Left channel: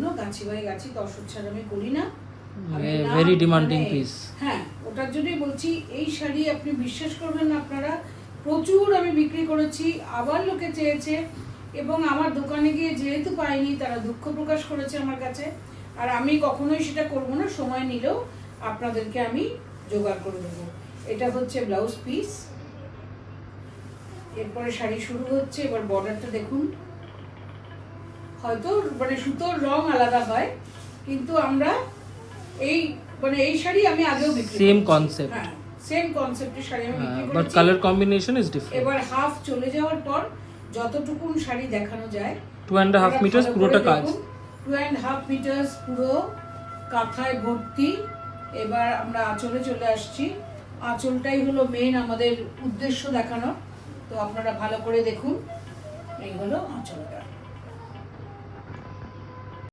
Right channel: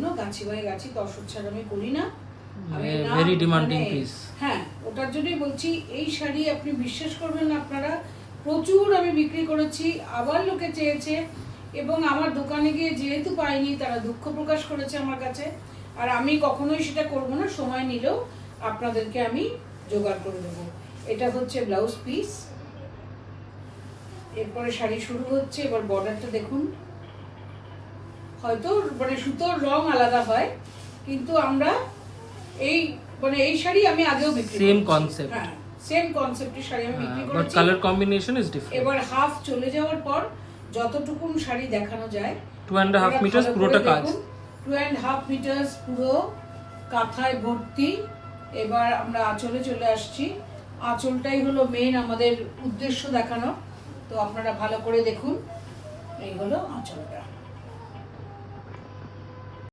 জন্য গাছি বাই গাছি তসর ছাড়া আমি করি না। Very demanding piece. হ্যাঁ, ওটার জন্যই বলছি এই শাড়ি আপনি বিশ্বাস করবেন না, আপনারা প্রচুর আমি বিক্রি করেছি, আবার লোকে চেয়েছে এবং আমার দোকানে গিয়ে যেহেতু পাইনি তারা দুঃখ প্রকাশ করেছে আমার কাছে। আর আমি কখনোই সেটা করবো না, সময় নিলেও আপনাদেরকে আমি জোগাড় করে দেবো। এটা হচ্ছে ব্লাউজ পিস, এরপরে শাড়ি শুরু হচ্ছে। এবার বর্ডারটা দেখুন, হয়তো মানে সুতোর রং আলাদা হয়, কিন্তু আমরা এই শাড়ি আমি আগেও বিক্রি করেছি। সেম কনসেপ্ট, হ্যাঁ সেম কনসেপ্টের শাড়ি আমি বিক্রি বাট করেছি। Colour combination is different. এবার হাফ চলে যাওয়ার পর যতটুকু শাড়ি দেখানো যায় 2.5 মিটার পুরোটা কাজ, 2.5 মিটার পুরো কাঁথায় ভর্তি। এবার আমরা আঁচলে চলে আসছি। আঁচলটাই হলো মেন আমাদের উদ্দেশ্য দেখানো, তো আপনারা ভালো করে দেখুন। এই হলো আঁচলটা।